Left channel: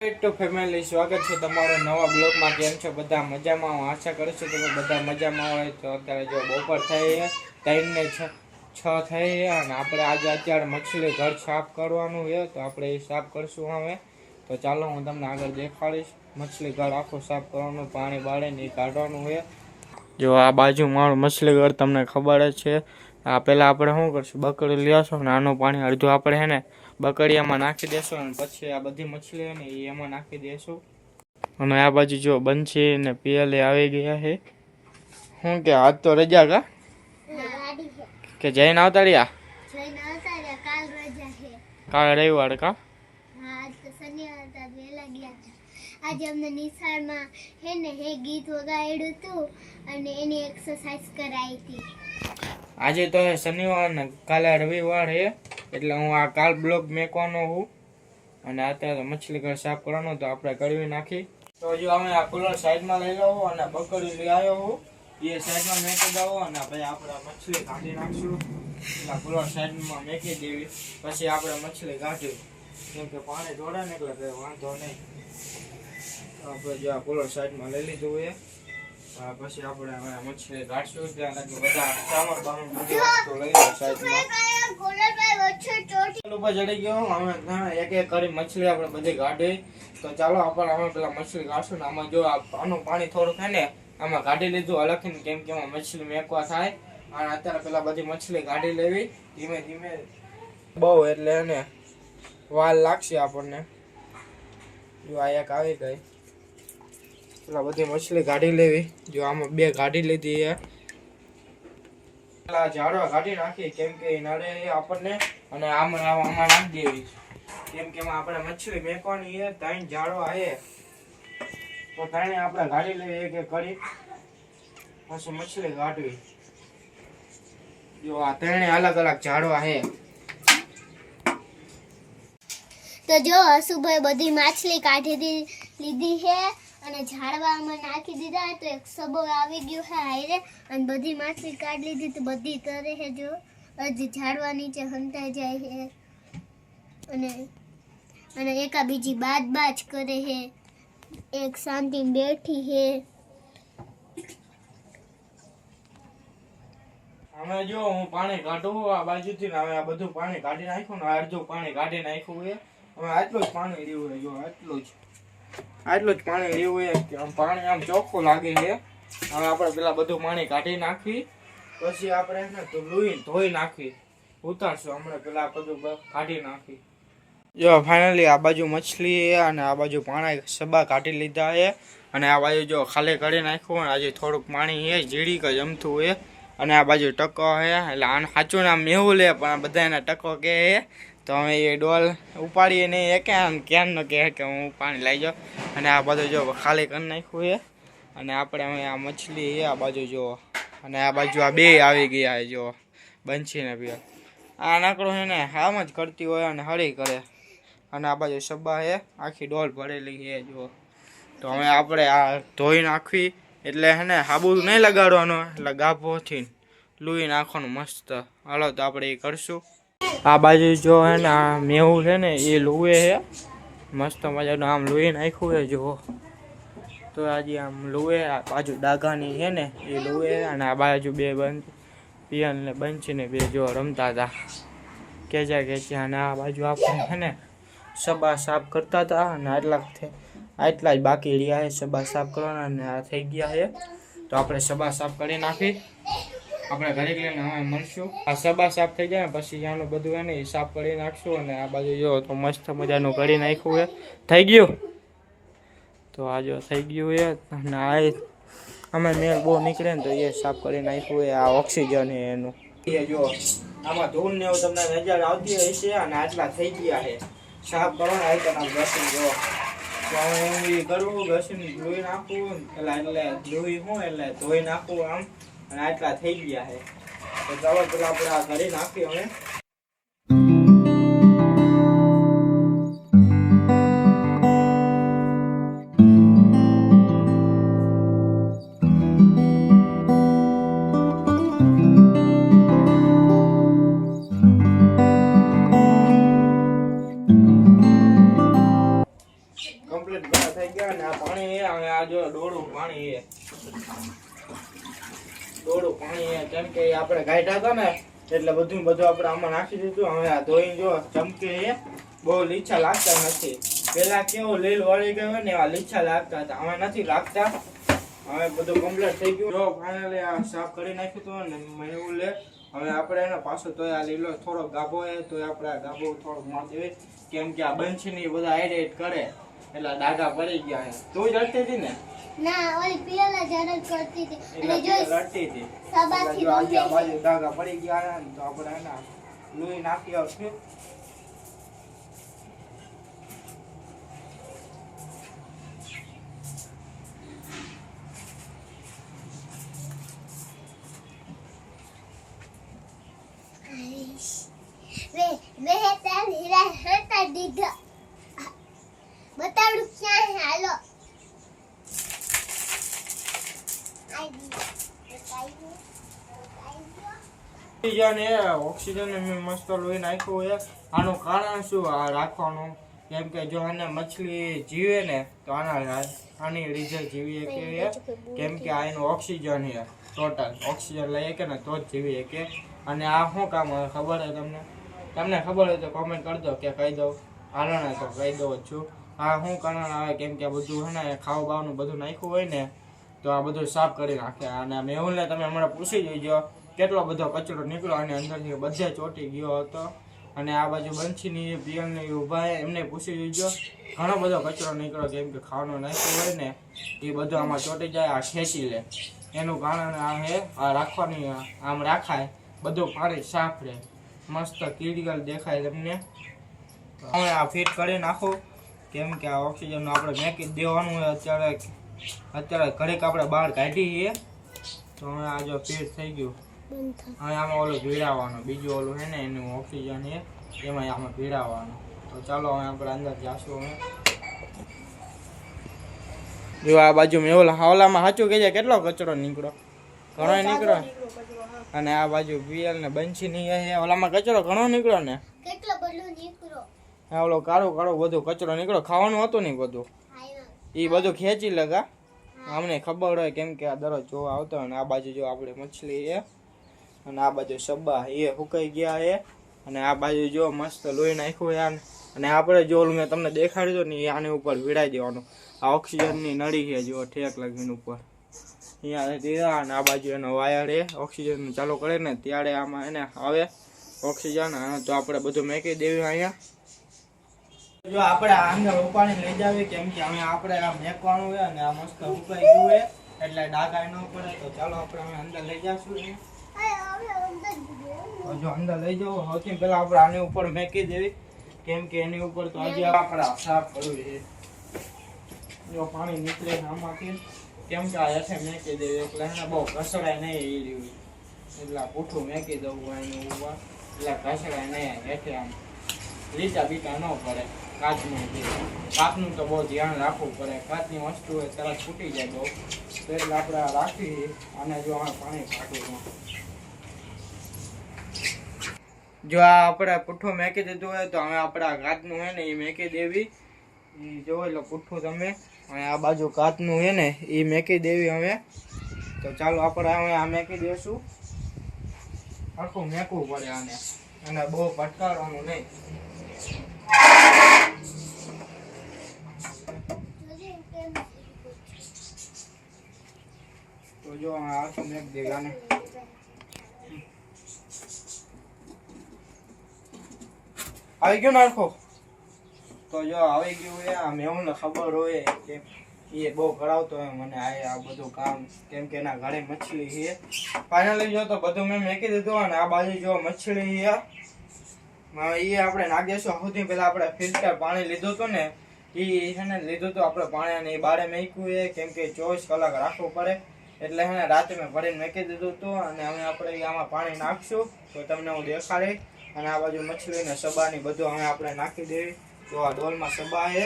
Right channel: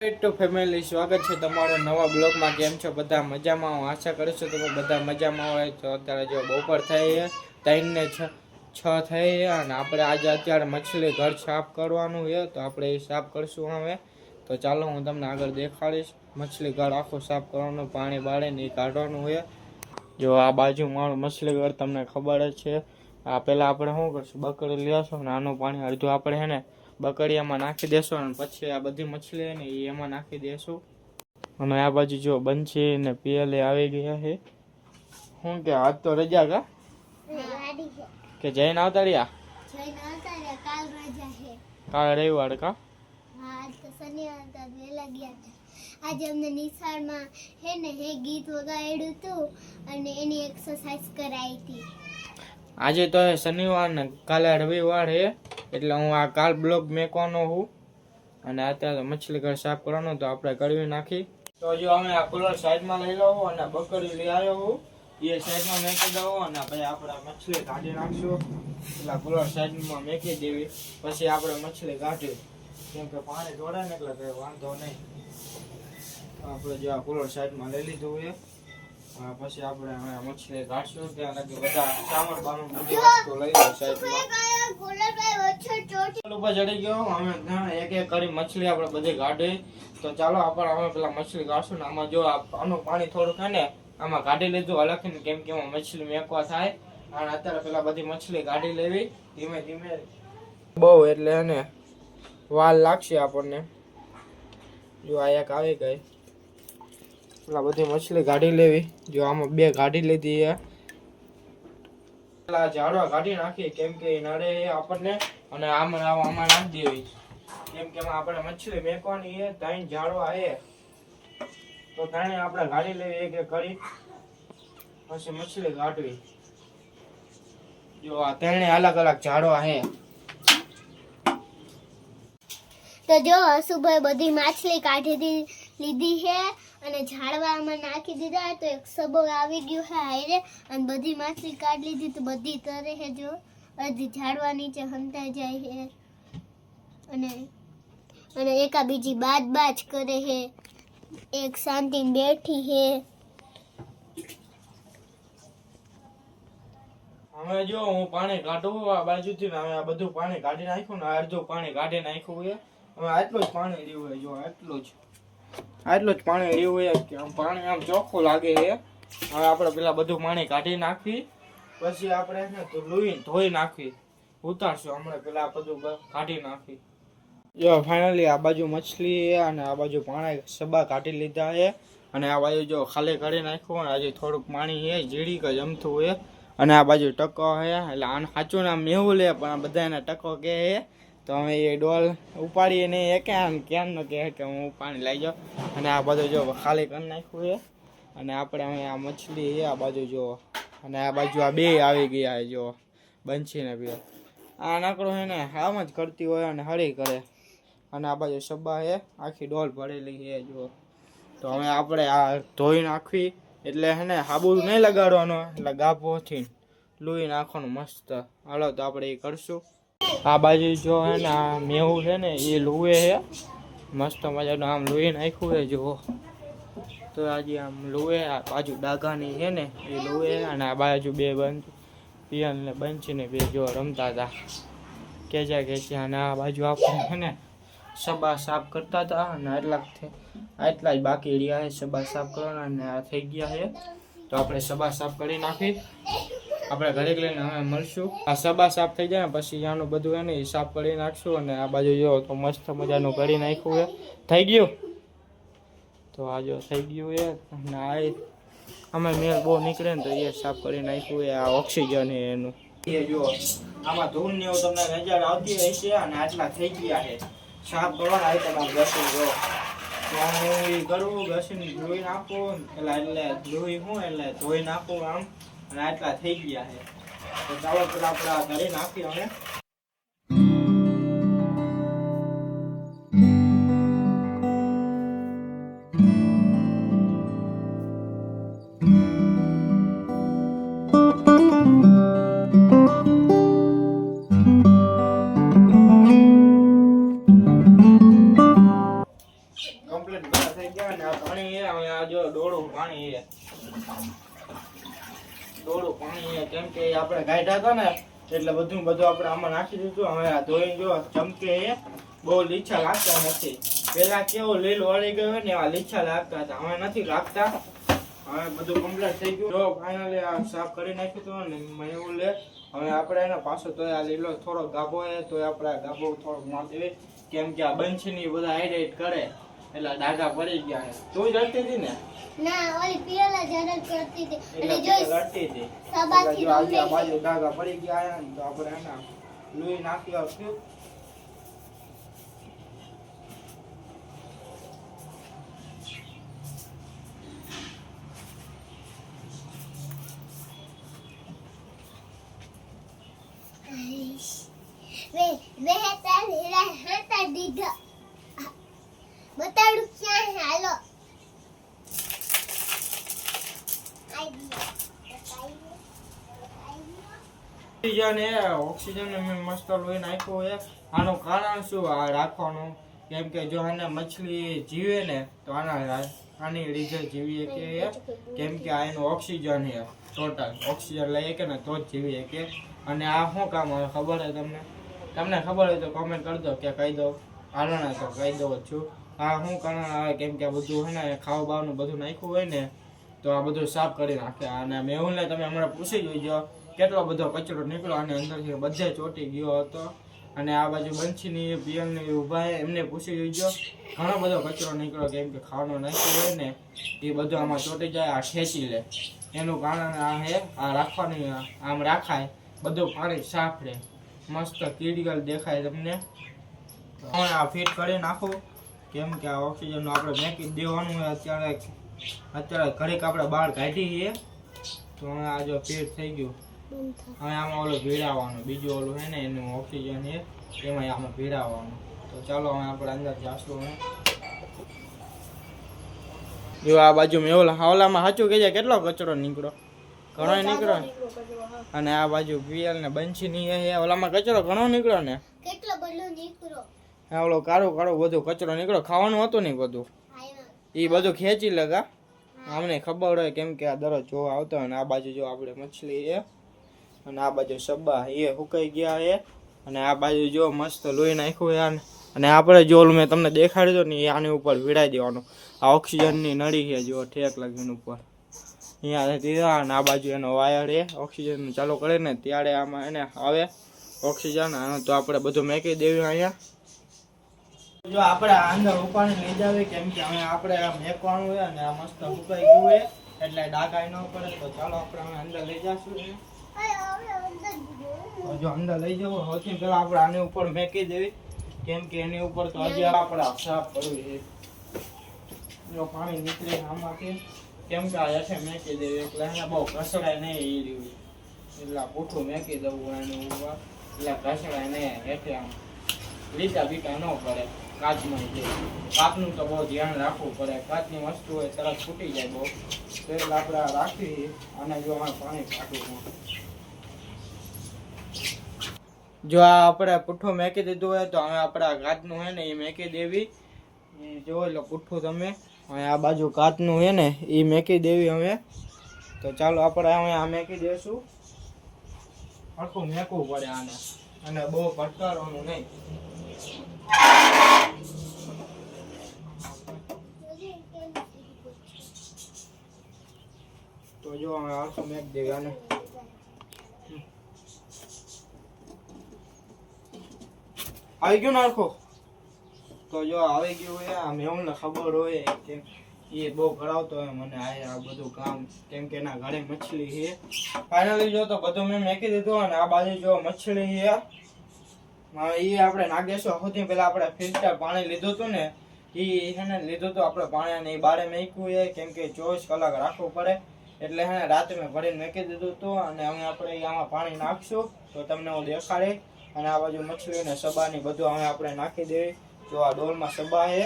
Two family સ્વાગત છે તમારો નવા બ્લોગમાં। કેમ છો બધા મજામાં? હું આશા કરું છું તમે બધા મજામાં હોય। તો અત્યારે જો બપોર થઈ છે, 3 ને 6 થઈ છે અને આપણે અત્યારે મછલી ઘર સાફ કરવાનું છે, તો આપણે એ સાફ કરશું હવે। તો ચાલો હું તમને આગળ દેખાડીશ મછલી ઘર આખું સાફ કરવાનું, પાણી બાળે ને એ કાઢવાનું છે। જો આ બાજુ મારું મછલી ઘર તમને ખબર જ છે। આ પહેલાં આપણે શું કરશું, બકડી લઈ આવશું ને આનું પાણી અડધું આપણે છે ને બકડીયામાં નાખી દેશું અને પછી આ બધી મછલી ને એ એમાં નાખી દેશું। અને આ બાજુ જો બંછી ને પિયલે આવી ગયા છે। શું કે આજ તો રજા કે જઈને આવતા રહ્યા? કાલ રવિવાર કા? આજે અમને નિશાળમાં હે ગીત વગાડ્યું હતું અને એની એક્સરસાઇઝ કરાવી હતી। આજે તો શનિવાર ને કાલે રવિવાર છે, એટલે હું આ કાલ બ્લોગ મેકવાનો છું અને અત્યારે મછલી ઘર સાફ કરવાનું, તો આપણે કરવી નાખી। તો જો અમે આ કુલર સાઈડમાં લઈ લઉં અને બકરી લઈ આવ્યો હું, એ સાઈડમાં મેકી દઉં અને પછી આપણે મછલી કાઢી નાખશું। એટલે કુલર સાઈડમાં મેકી દેવી, પછી આપણે મછલી કાઢી, કેમ કે પાણી ઢોળે ને એટલે કંઈ વાંધો નહીં। આપણે જો આ કુલર સાઈડમાં લઈ લીધું એ પછી આપણે મછલી કાઢશું। ત્યાં લગી બધા સામાન બામાન બધી વસ્તુ લઈ લો સાઈડમાં। ઉપર ચડી ગયો અમે એક એક કરી મછલી આપણે બધી કાઢી। તો ચાલો આપણે અમે પેલા મછલી કાઢશું ને આમાં જો આનું પાણી થોડું થાય ને આમાં કાઢી લીધું અલગથી, કેમ કે એમાં મછલી મેકવા થાય અને અત્યારે પેલા બધી મછલી કાઢી લેવી ધીમે ધીમે, બહુ એટલે એને વાર લાગશે આપણને। જો આ એક આવી ગઈ, પેલા બધી મછલી કાઢી લેવી। જો આમાં 2 કાઢી લીધી છે, પેલા ઝાડવા કાઢી નાખી કેમ કે એ નડે આપણને, અને આમાં નાખી દેવી કેમ કે આપણે મછલી મેકવાની છે। 3 ઝાડવા છે તો 3 આપણે કાઢી લેવી એક એક કરી, પછી મછલી કાઢવી। જો આ 3 અલગ અલગ ઝાડવા છે। તો જો હસુભાઈ બધી માછલી કાઢી લીધી છે અને ઝાડવામાં નાખી દીધા। તો એક સબો આવી ગયો છે હારે અને બધી માછલી કાઢી લીધી, તો બધી તરે છે। જો અડધી ઝાડવા નીચે હંતાઈ જાય છે અને એકા બીજી બાજ કરે છે, એક શાંતિ બેઠી છે। હવે જો હું પાણી કાઢું આ બાજુથી, હવે આ બધું પાણી કાઢી નાખ્યું ને અડધું પાણી કાઢી નાખ્યું છે। હવે આટલું જ પાણી રહ્યું છે, જો આટલું જ પાણી રહ્યું છે કે આમ પાણી આમ ચોખ્ખું લાગે છે। હવે આપણે પેલા બધું પાણી કાઢી નાખી, પછી આપણે એને તો ધોઈ નાખી ઉતારશું હમણાં, પેલા બધું કાઢી નાખી। જો ફાઇનલી આ બાજુ મછલી અને આ બાજુ પાણી સબા કાઢી લીધા છે અને આ બાજુ જો ખાલી કરી નાખ્યું અને આજે થોડુંક પાણી છે જીડીક જ જમતું છે અને આ બાજુ ટકો છે, એટલે આનું સાચું નામ મેહુલ લે પણ બધા એને ટકો કહે છે। તો અમે એ ડોલ ઉપાડીએ નહીં એ ક્યાંનો કહે કે હું પાણી લઈ જાઉં, અને આ બધું જો ખાલી કરી નાખ્યું છે અને આપણે હવે આ મછલી છે આ બાજુ જો, અને આ બાજુ આ 2 આવી ગયા છે જો બંછીને બે, આ નકરો છે ને આમ જ કરતી હોય અને હળી કરે, અને આ બાજુ સબ્બા છે આખી ડોલ ભરેલી છે જો। તો હવે આપણે આ ધોઈ નાખવી, એટલે હે ને સાબુ નહીં લગાડવાનો, એટલે ગાભોથી લૂઈ નાખવાનું મસ્ત। હાલો તો આપણે એ કરશું। આ બાજુ જો હે ને આ મેવું છે ને એ લુએ છે મસ્ત મજાનું, આમ લૂઈ નાખ્યું છે જો। તો આજે આમ લુએ આ બાજુ ડાઘાની છે ને એ લુએ, અને આ બાજુ 2 પિયન ને બંચીને 2 જો રમતા હતા કેચા, અને આ બાજુ આપણે છે ને સબા સાફ કરતા હતા અને આટલા જ બાકી રહ્યા છે સબા સાફ કરવાના, અને આ થઈ ગયા છે। તો આપણે સબા સાફ કરી નાખી, આપણે ઘરે લઈને હવે મળશું। આ સબા સાફ થઈ જાય ને પછી આનું બધું એને સાફ કરી નાખશું, અને આ બાજુ જો તો મસ્ત મજાનું કરી નાખ્યું છે, થઈ ગયું। તો આ જો થઈ ગયું છે, અને આ અમે મેલ બહુ નીકળે ને તો એ સાફ કરી નાખ્યું છે। આ ઓક્સિજન છે એનું, એ જો આમાં ધૂળ ને એવું તમને નજર આવતી હોય છે, અને આટલા થઈ ગયા છે સાફ કરવાના હોય તો આમ ઘસી જો હું એ કરું ઘસીને ધોઈ નાખું, એટલે ધોઈ નાખું આમ, અને આટલા થઈ ગયા છે। તો ચાલો પેલા આપણે ઘરે નાખી અમે। કમ્પ્લીટ ભેગા થઈ ગયા ને આ પાણી છે હવે આ જો ડોળું પાણી છે ડોળું પાણી છે કેમ કે આપણે ગાઢા હતા ને એટલે બધું આપણે આમાં નાખી દીધું હવે આ ધોઈ જો ચમકે છે બહુ લીછા લાગતા નથી પેલા કેવું લીલ વળી ગયું ને એવા લીછા લાગતા હતા હવે નથી લાગતા હવે બધું કમ્પ્લીટ થઈ ગયું જો ફાઇનલી આ સાફ કરી નાખ્યું હતું ને મેં એવું લે હવે આપણે એને પાછો તો આ લીલો થોડો ગાભો છે તો આપણે આ ગાભો થોડોક માર દેવી કેમ કે આ બંછની બધા હાઈડ કરે એટલે ડાઘા પડી ગયા છે તું જ રડતી હતી ને ના ઓલી પિયોલા જરલ કરતી હતી એટલે અને જો રડતી હતી સબાથી જો આજે આ બાજુ ડાઘા પડી ગયા છે ને તો આપણે એના લોહી નાખી આવશું વે તાર હીરા હતા દીધા બતાડું ક્યાં હે હાલો ઓક્સિજન મેં મસ્ત લોહી નાખ્યું છે આનું કારણ શું આ રાખવાનું કેમ કે જો એને મછલી જીવે ને તો આની લીધે જીવી કે કેમ કે આ એનું ઓક્સિજન છે ટોટલ ઓક્સિજન લઈએ કે ને તો જ જીવી કે અને આ શું કામ આવે ખબર છે તમને ખબર હોય તો કોમેન્ટ કરજો કે કહી દઉં હાલો ને તો કહી દઉં છું આ શું કારણ આવે કેમ કે આ બધું છે ને ખાવા બાવાનું બધું નાખ્યું હોય ને તો આ બધું સાફ કરી નાખે અને મેહુલને તમે હમણાં પૂછી જોઈજો કેટલો બધો કચરો નીકળ્યો અને અંદરથી બધે ચોંટી ગયો હતો અને આ બાજુ બંછીની પિયલની ઊભા છે એમને પૂછી જોઈજો ઘણો બધો કચરો નીકળ્યો કેમ કે ખાવાનું નાખ્યું હોય ને એ બધું આમાં ચોંટી જાય આ ખેંચી લે એનું કારણ આ છે આ રાખવાની આમ રાખાય બધું પાણી સાફ રહે મસ્ત ક્લિયર દેખાય તમને હવે આ ફિટ કરી નાખો કેમ કે આ ઓક્સિજનનું આપણે મેકી દેવાનું હોય અત્યારે ઘડીક આપણે બહાર કાઢી છીએ તો હવે આ જો ફિટ થઈ ગયું હવે આમાં ઓલું ભીડાવવાનું બીજું ઓલું છે ને એનું ઓક્સિજન છે એમાં આમાં ભીડાવવાનું તો ચાલો હવે આપણે અંદર જાશું હવે જો આ બાજુ મેં હાવલામાં સાચું કહેજે કેટલો કચરો નીકળ્યો ઘણો નીકળ્યો અને આ બાજુ પિયલ ને બંછી ની ઓલામાં કચરો ઘણો નીકળ્યો ને કેટલો બધો નીકળો હા ઓલો કાળો બધું કચરો નીકળ્યો ખાવાનું હતું ને બધું એ બધું ખેંચી લગા અમને ખબર હોય કેમ કે આ દરરોજ જોવા આવતો હોય ને આ બાજુ જો આપણે મછલી છે અને આ બાજુ સબ્બા એ સુકાઈ ગયા છે અને આ બાજુ જો મસ્ત લોહી નાખ્યું યાર અને આપણે જો મેં તમને દેખાડ્યું ને એ આની ઉપર ભીડાઈ દેવાનું આ ઓક્સિજનની નળી છે જો ઠેક લાગીને ઉપર અહીંયા દીધા અને આ બાજુ એનો વાયર એ ઓક્સિજન ચાલુ કરે ને ત્યારે આમાં એને આવે ઓક્સિજન તો આપણે બધું મેકી દેવી અહીંયા જો આપણે આ અંદર ઉપાડી લઈ જાવી કેમ કે હવે આપણે આ મેકવાનું હોય અને આ મસ્ત સુકાઈ ગયું હોય એટલે ડાઘાઈ ન પડે તો ચાલો આપણે હવે અંદર લઈ જશું જો અંદર લઈ જવું સૌથી પહેલા આપણે આની ઉપર મેકી દેવી કેમ કે એની ઉપર તો હજી આપણે સાફ કરવું છે જો પાણી નીકળે આમાંથી કેમ કે આ હેઠે મેકી દેવી એટલે એને બહુ ઘસડાય નહીં એ રહ્યું એટલે પૂઠું મેકી દેવું એનું ઉપર એટલે ઘસડાય નહીં હેઠે આમ લીટા બીટા ન પડે કાચમાં છે કાચનું તો બહુ ધ્યાન રાખવું પડે કાચની વસ્તુ હોય તરત ફૂટી જાય બહુ તો એટલે આપણે રાખી અને જો અમે પાણી કાઢવું જો આ આપણે પુઠ્ઠું મેકી દીધું હોય તો હવે આપણે આ કાચનું હોય ને એ મેકી દેવી જો એટલે પુઠ્ઠું તમે અને આ બાજુ કાચનું હોય ને એ મેકી દેવી હવે તો ચાલો આપણે હવે આ મેકી દેશું આખું મેકવું પડે આને અને બહુ પટકારવાનું નહીં તો જો આખું મેક દેવી આને આવી ગયું નાખો તો જો આવી ગયું હોય આમ એવું ને ખબર હોય કે એ બહુ કરાવતો હોય મને આ બધું કામ કેમ કે એના ઘરે મછલી છે ફાઇનલી જો તો બધું મેં મેકી દીધું અને આ બાજુ જો મછલી છે એ આપણે નાખીશું સૌથી પહેલા આપણે ફિલ્ટર પાણી લીધું હતું ને એ છે ને લીધું હતું આપણે પાણી અને એ બારે મેક્યું છે કેમ કે 24 કલાક રાખવું પડે એટલે છે ને રાતે મેં ભરીને મેકી દીધું હતું અને હવે આપણે આમાં પાણી નાખશું તો તમને હું દેખાડી અને આ બાજુ મછલી ને સબાની બધું હવે આપણે નાખી દેવી તો આ ડોલમાં સબા છે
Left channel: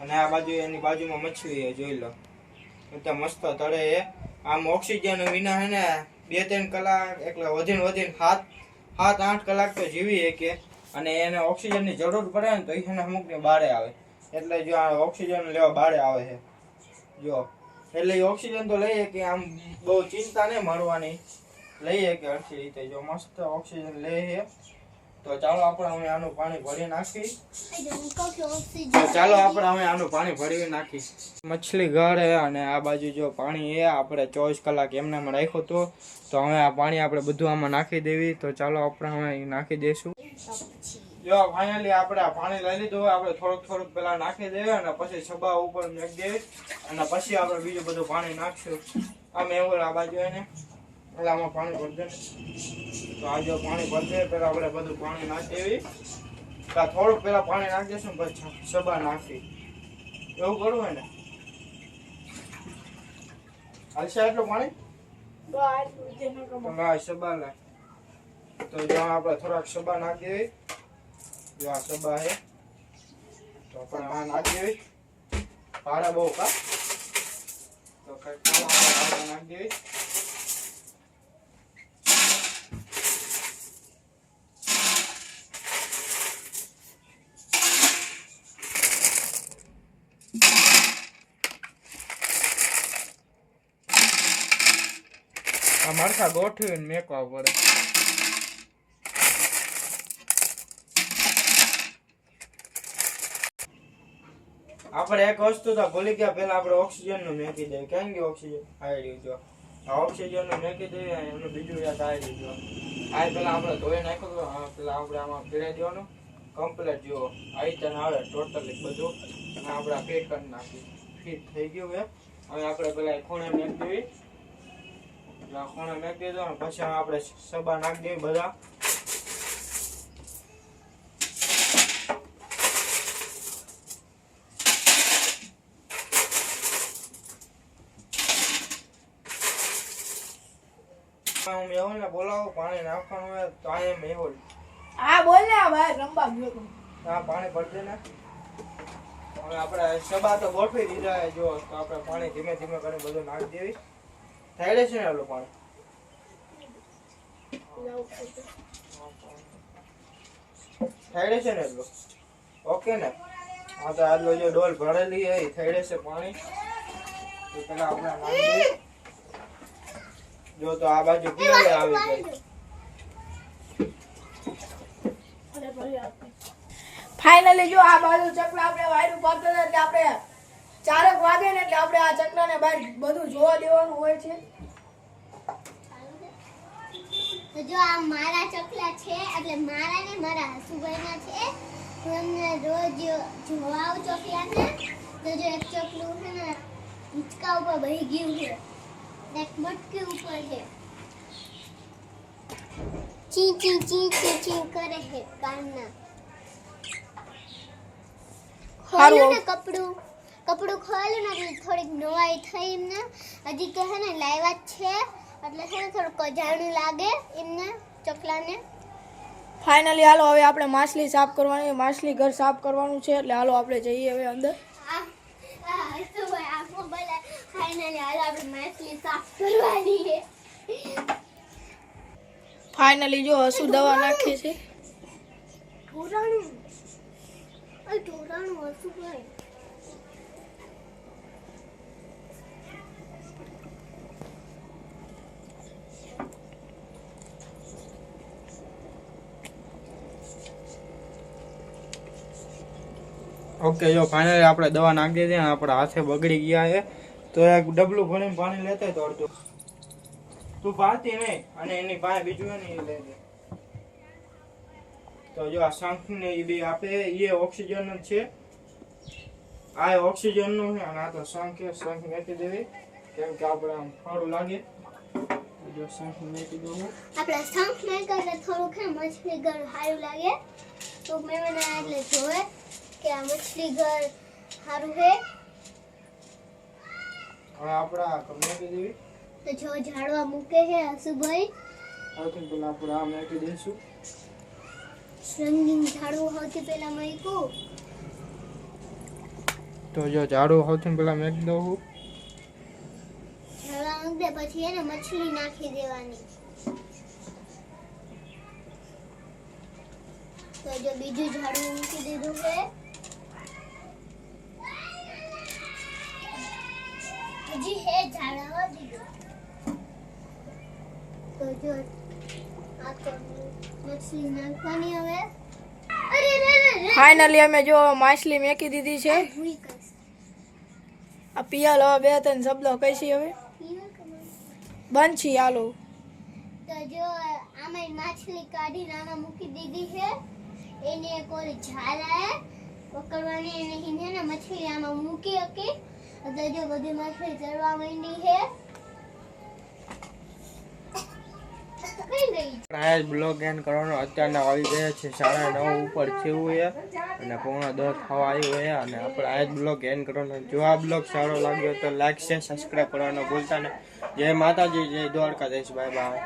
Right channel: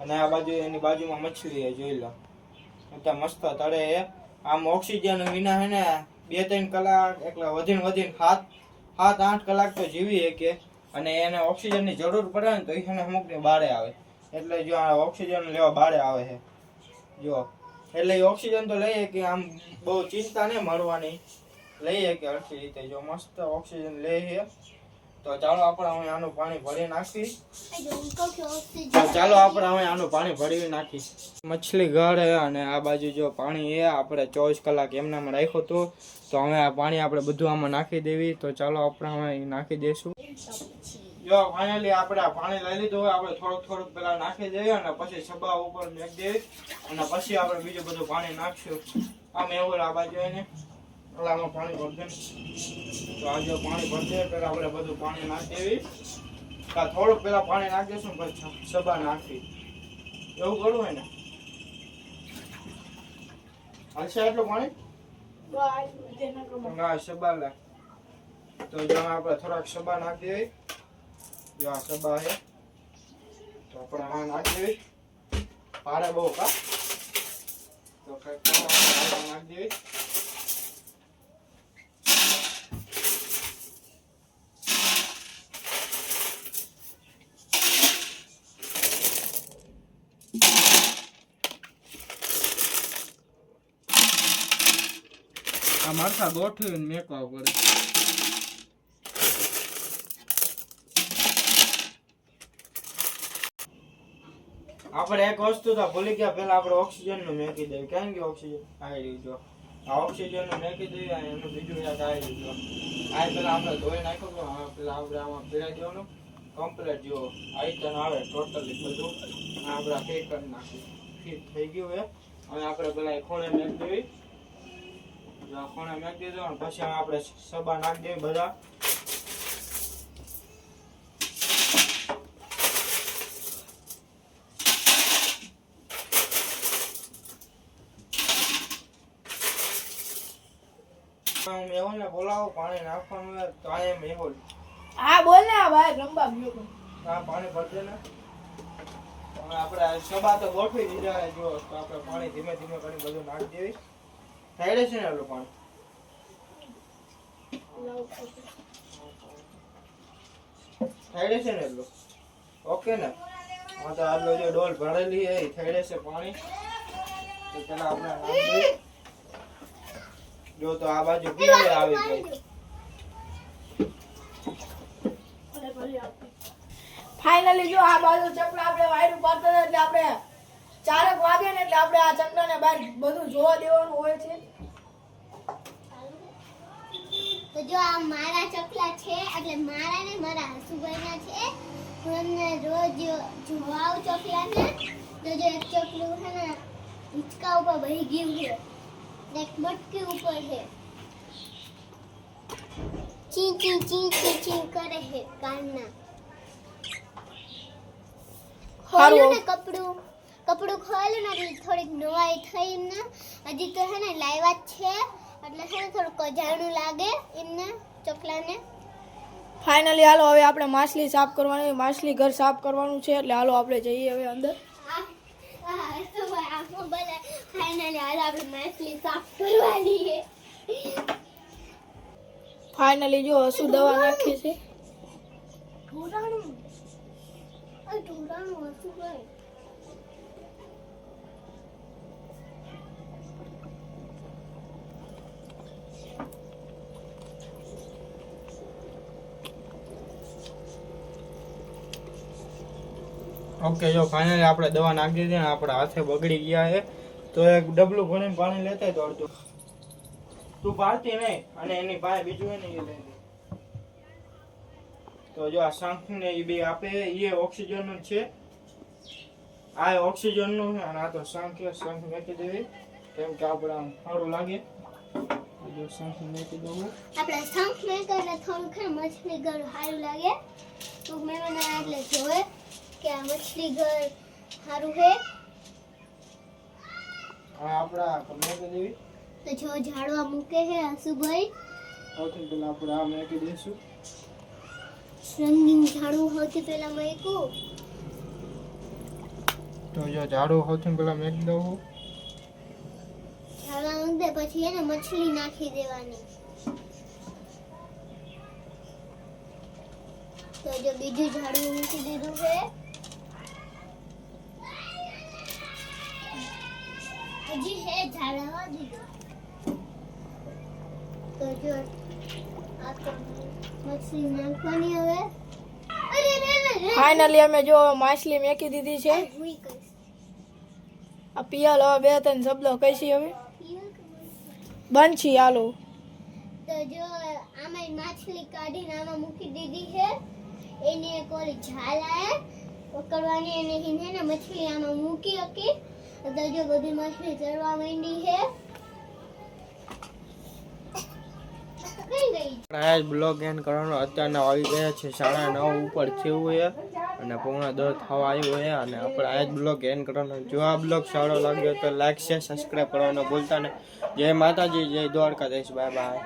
અને આ બાજુ એની બાજુમાં મછલી છે જોઈ લો એટલે મસ્ત તળે છે આમ ઓક્સિજન વિના છે ને 2-3 કલાક એટલે વધીને 7-8 કલાક તો જીવી શકે અને એને ઓક્સિજનની જરૂર પડે ને તો એને અમુકને બારે આવે એટલે જો આ ઓક્સિજન લેવા બારે આવે છે જો એટલે ઓક્સિજન તો લઈએ કે આમ બહુ ચિંતા નહીં મળવાની લઈએ કે હરખી રીતે જો મસ્ત ઓક્સિજન લે છે તો ચાલો આપણે હવે આનું પાણી ભરી નાખી તો ચાલો આપણે હવે આનું પાણી ભરી નાખી મછલી ઘર હે અને આ બાજુ જો પાણી છે આપણે 24 કલાક એમનામાં રાખ્યું હતું તો હવે આ પાણી આપણે બધું આમાં નાખી દેવી તો ચાલો આપણે હવે નાખી દઈશું જો ફાઇનલી આપણે આ પાણી લઈ લીધું હોય આપણે થોડુંક પેલા નાખી દેવી અને પછી છબા ઉપર મેક દેવી અને પછી આપણે બીજું બધું પાણી નાખશું આમ એવું આ બાજુ એને એટલે આમાં પાણી ભરશે તો આ જો પાણી ભરશે પેલા આપણે બધું પાણી નાખી દેવી થોડુંક પેલા પાણી નાખી દઈશું પછી છબા નાખી એવું કરવું હોય ને હાલશે એટલું પાણી છબા લે તો જો આપણે થોડાક છબા નાખી દેવી જો આ છબા છે તો આપણે આ નાખી દેવી પારા બહુ કા તો કઈ નાખી દેવી આ મરચા ગોઠવીને મેકવા પડે આપણે એક વસ્તુ તો ભૂલી ગયા પેલા આપણે ઓક્સિજન નું મેકી દઈએ કેમ કે ઓક્સિજન આવી જો આ ઓક્સિજન નું મેકી દઈએ એનું બીજું યાદ આવી જો આ પેલા આપણે ધોઈ નાખ્યો હા પેલા આપણે આમાં ફેરાઈ દેવાનું કમ્પ્લીટ જો આઈટન આવે ટોટલી બધું આપણે ફિટ કરી નાખી ફિટ થઈ ગયું હે હવે આપણે પેલા ખૂણે મેક દેવી ખૂણે મેક દીધો અને પછી આપણે સબા નાખી દેવી બધા મેહોલ ને બોલાવો પાણી નાખવાનું હોય તો આ મેહોલ હા બોલ ને ભાઈ રંબા ગયો હા પાણી ભરશે ને હવે આપણે સબા તો ગોઠવી દીધા જો તો આપણે પાણી ધીમે ધીમે કરીને બધું નાખી દેવી થઈ રહેશે ને એટલું પાણી થઈ રહેશે ને એટલું ઓકે ને હા તો આટલો જો ડોલ ભરેલી એ થઈ રહેશે પાણી તો પેલા આપણે નાખી દઈએ જો તો આ બાજુ પીળે આવી ગઈ ફાઇનલી જો આ બાજુ ચકલા આપણે વાયરું પાડતા હતા એટલે આપણે 4 વાગે ને એટલે આપણે આ ચકલાને બહાર બધું જોવા દેવાનું હોય છે તો જો આ મારા ચકલા છે એટલે મારા ને મારા હસુભાઈના છે હું એમને રોજ જોવા આવું ચકલાને તો જો એક ચકલું છે ને હિંચકા ઉપર બેહી ગયું છે એક મટકી ઉપર છે ચી ચી ચી ચી ચી કરે છે કાનના ખોલું ને કપડું ખોલું ને એટલે થોડીક નવાઈ થઈ એમને હજી તો હે ને લાવ્યા જ છે એટલે છે ને થોડુંક કજાણું લાગે એમને ચકલાને ફાઇનલી હાલો હવે આપણે માછલી સાફ કરવાની માછલી ઘર સાફ કરવાનું છે એટલે હાલો આપણે જઈએ હવે અંદર ફાઇનલી જો હસુ દવા નાખી છે ઓકે જો ફાઇનલી આપણે દવા નાખી દીધી અને આપણા હાથે બગડી ગયા છે તો એક ડબલું ભરીને પાણી લેતા તો અડધું તું ભારતી નહીં અને એની પાસે બીજું એ નહીં લે તો જો આ શંખ ને એ બી આપે એ ઓક્સિજન જ છે આ ઓક્સિજન નું છે અને આ તો શંખ મેકી દેવી કેમ કે આપણે આમ સારું લાગે જો શંખ મેકી દઉં આપણે શંખ મેં કરે થોડું કે મછલી ઘર સારું લાગે તો મેં એટલે જોવે કે આ મછલી ઘર સારું છે આપણા મેકી દેવી તો જો ઝાડવા મૂકે છે હસુભાઈ સૌથી પહેલા આપણે આ મેકી દઈશું રંગીન ઝાડવું સૌથી પહેલા મૂક્યું તો જો ઝાડુ સૌથી પહેલા મેકી દઉં ઝાડવા મૂકી દે પછી એને મછલી નાખી દેવાની તો જો બીજું ઝાડવું મૂકી દીધું છે હજી હે ઝાડવા દીધું તો જો આ તો મછલી નાખવાની હવે અરે રે રે રે ફાઇનલી અમે જો માછલી મેકી દીધી છે ભૂઈ ગઈ આ પિયાલ હવે 2-3 શબ્દો કહીશી હવે બનશી હાલો તો જો આમાં માછલી કાઢીને આમાં મૂકી દીધી છે એને એક ઓલી ઝાલા પકડવાની અને હિને ને મછલી આમાં મૂકી હતી તો જો બધી માછલી ચડવા માંડી છે કઈ ગઈ આ બ્લોગ એન્ડ કરવાનો અત્યારના આવી ગયા છે 9:30 ઉપર થયું છે અને 9:45 થવા આવ્યું છે અને આપણે આ જ બ્લોગ એન્ડ કરવાનો. જો આ બ્લોગ સારો લાગ્યો તો લાઈક શેર સબસ્ક્રાઈબ કરવાનો ભૂલતા નહીં. જય માતાજી, જય દ્વારકાધીશ, બાય બાય.